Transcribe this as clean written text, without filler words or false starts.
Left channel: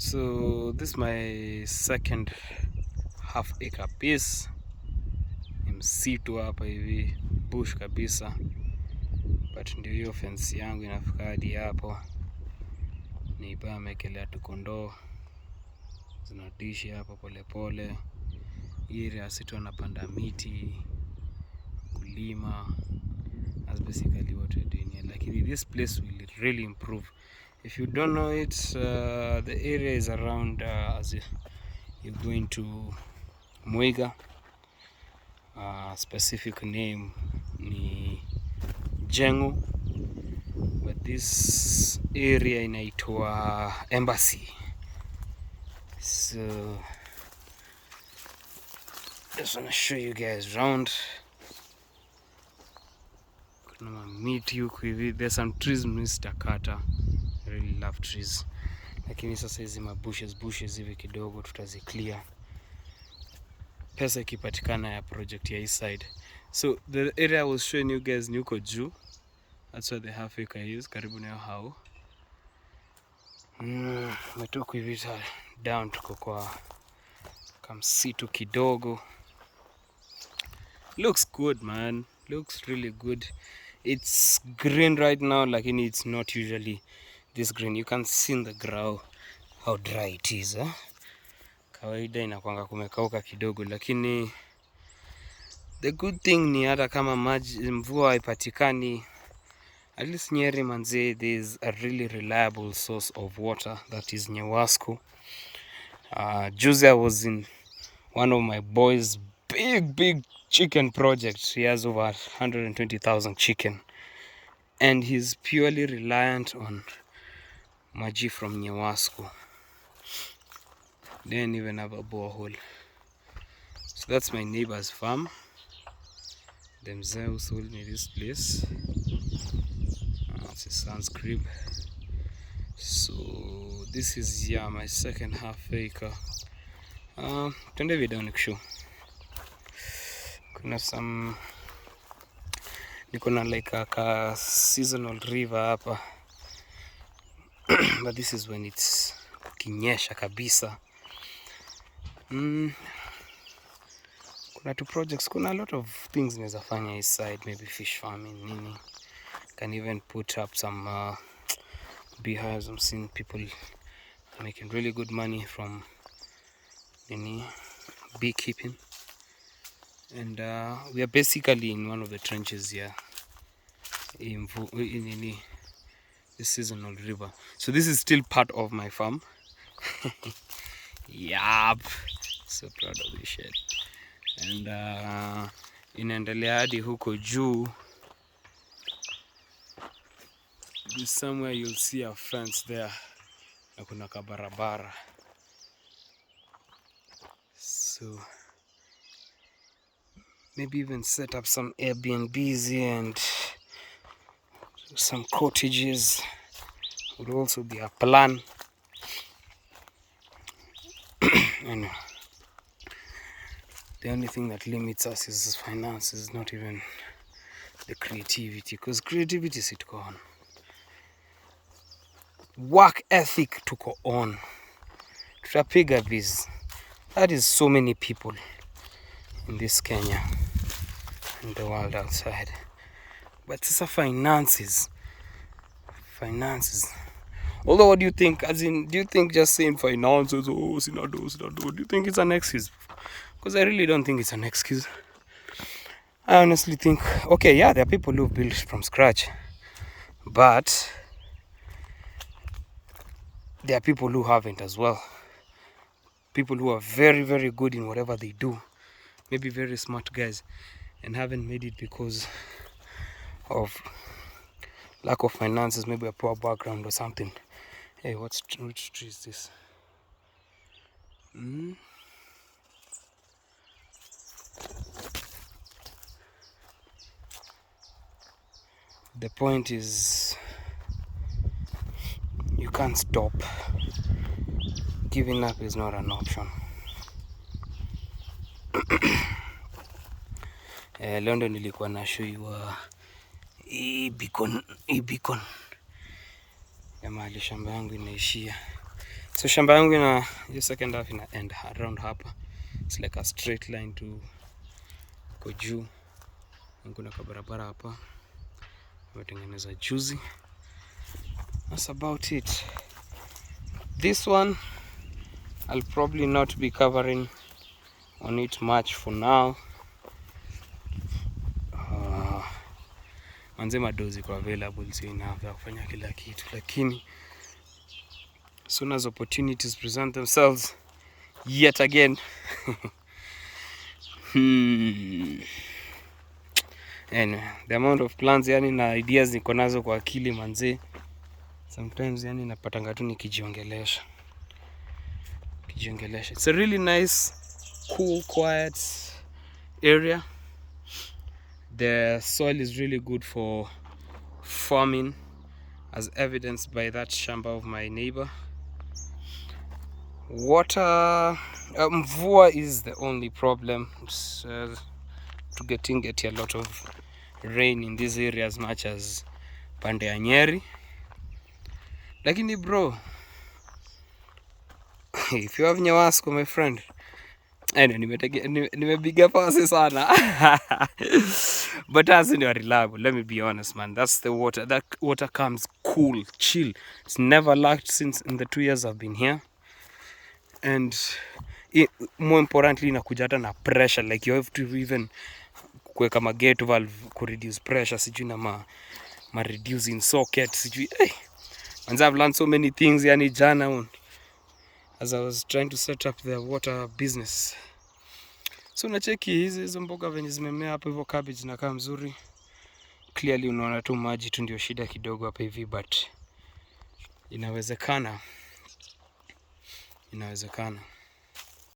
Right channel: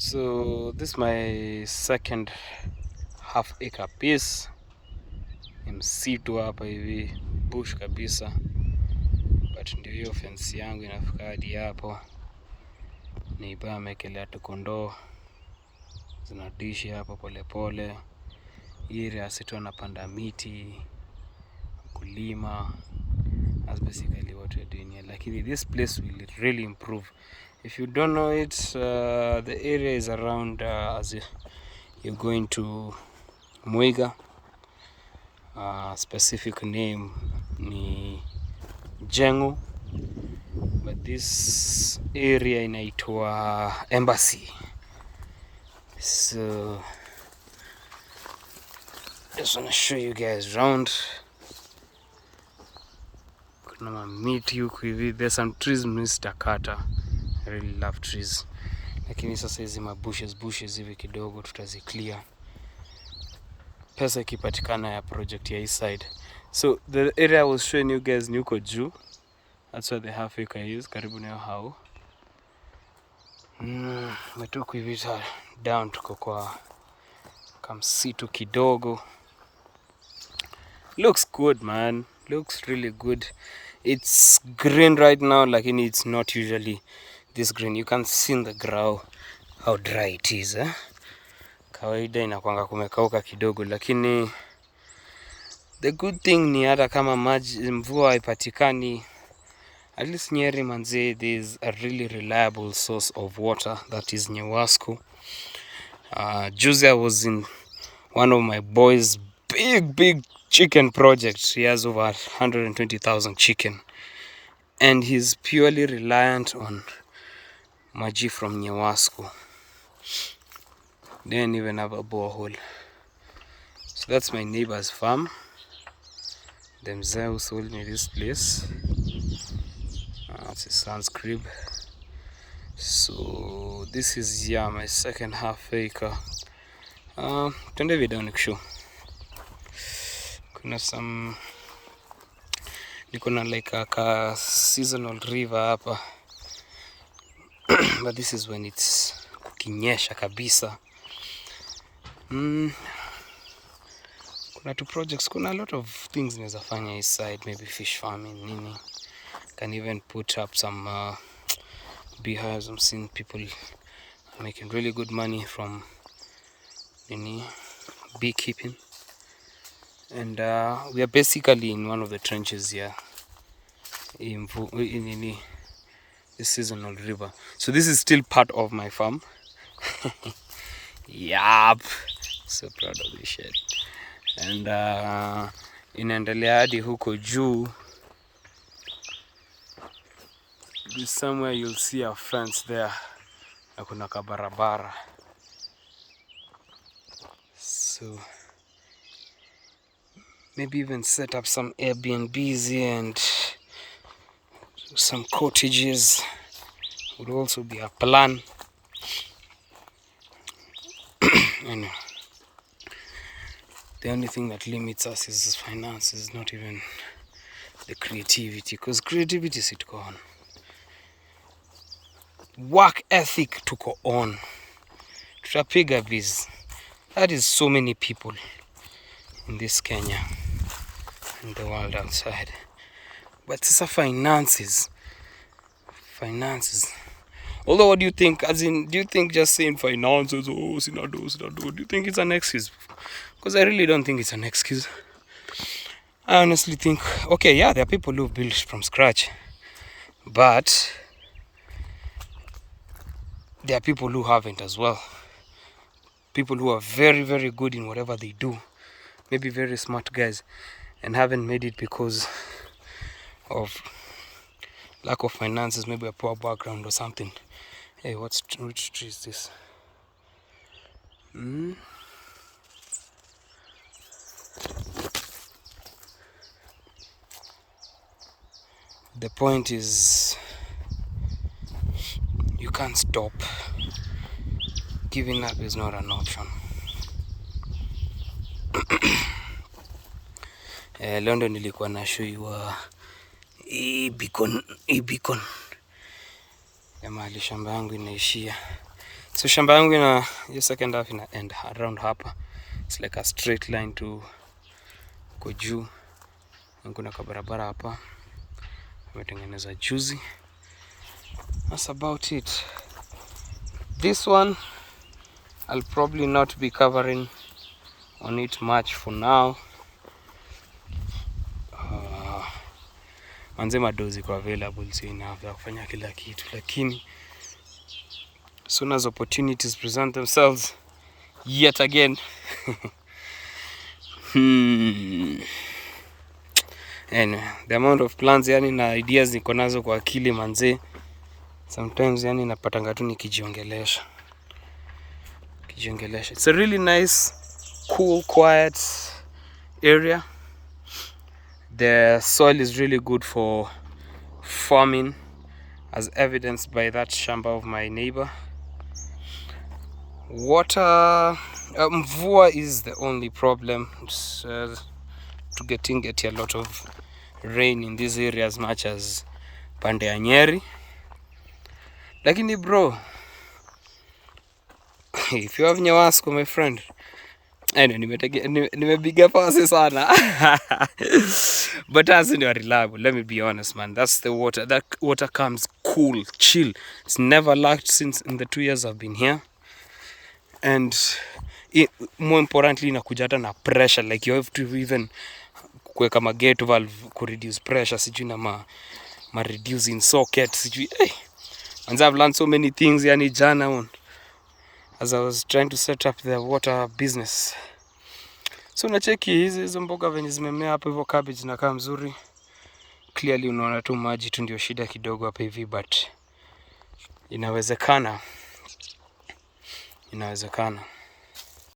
So this is my second half acre piece. Ni msitu hapa hivi, bush kabisa, but ndio hiyo fence yangu inafika hadi hapo. Nipa amekelea tu kondoo zinadishi hapo polepole. Area situ anapanda miti, kulima. That's basically what we're doing here. Lakini this place will really improve. If you don't know it, the area is around as you're going to Muiga. Specific name ni Jengo, but this area inaitwa Embassy. So just want to show you guys around. Kuna miti huku hivi. There's some trees Mr. Carter. I really love trees. Lakini sasa hizi bushes hivi kidogo tutaziclear. Pesa ikipatikana ya project ya east side. So the area I was showing you guys ni huko juu. That's where the half acre is, karibu na hao. Metoku hivi down tuko kwa kamsitu kidogo. Looks good, man. Looks really good. It's green right now, lakini it's not usually this green. You can see in the ground how dry it is. Kawaida inakuanga kumekauka kidogo, lakini the good thing ni hata kama mvua haipatikani, at least Nyeri manze, there's a really reliable source of water, that is Nyewasco. Juzi I was in one of my boys' big chicken projects. He has over 120,000 chicken, and he's purely reliant on maji from Nyewasco. They don't even have a borehole. So that's my neighbor's farm. Themselves sold me this place. It's his son's crib. So this is my second half acre. Twende video nikushow. Kuna some nikona like a seasonal river hapa. But this is when it's kinyesha kabisa. Kuna two projects, kuna a lot of things naweza fanya east side, maybe fish farming nini. Can even put up some beehives. I'm seeing people making really good money from beekeeping, and we are basically in one of the trenches here in the seasonal river. So this is still part of my farm. Yup, so proud of this shit. And inaendelea hadi huko juu. Somewhere you'll see a fence there. Na kuna kabarabara. So maybe even set up some Airbnbs here and some cottages would also be a plan. Anyway, the only thing that limits us is finances, not even the creativity, because creativity is tuko on. Work ethic tuko on. Tutapiga biz. That is so many people in this Kenya, in the world outside. But it's a finances. Although, what do you think? As in, do you think just saying finances, do you think it's an excuse? Because I really don't think it's an excuse. I honestly think, okay, yeah, there are people who've built from scratch, but there are people who haven't as well. People who are very good in whatever they do, maybe very smart guys, and haven't made it because of lack of finances, maybe a poor background or something. Hey, which tree is this? The point is, you can't stop. Giving up is not an option. London nilikuwa na show you beacon ya mahali shamba yangu inaishia. So shamba yangu ina hiyo second half ina end around hapa. It's like a straight line to kwa juu. Kuna kabarabara hapa wametengeneza juzi. That's about it. This one I'll probably not be covering on it much for now. Manze madozi kwa available, so inaweza kufanya kila kitu, lakini soon as opportunities present themselves yet again anyway, the amount of plans yani na ideas niko nazo kwa akili manze, sometimes yani napatanga tu nikijiongelesha. It's a really nice, cool, quiet area. The soil is really good for farming, as evidenced by that shamba of my neighbor. Water, mvua is the only problem. To get a lot of rain in this area as much as pande ya Nyeri. Lakini bro, if you have Nyawasco, my friend, nimepiga pasi sana. But as in, you are reliable, let me be honest, man. That's the water. That water comes cool, chill. It's never lacked since in the 2 years I've been here. And more importantly, inakuja hata na pressure. Like you have to even kuweka ma gate valve ku reduce pressure, sijui na ma reducing socket, sijui. And I've learned so many things yani jana as I was trying to set up the water business. So nacheki hizo mboga venye zimemea hapo hivyo, cabbage na kama mzuri. Clearly unaona tu maji tu ndio shida kidogo hapa hivi, but inawezekana.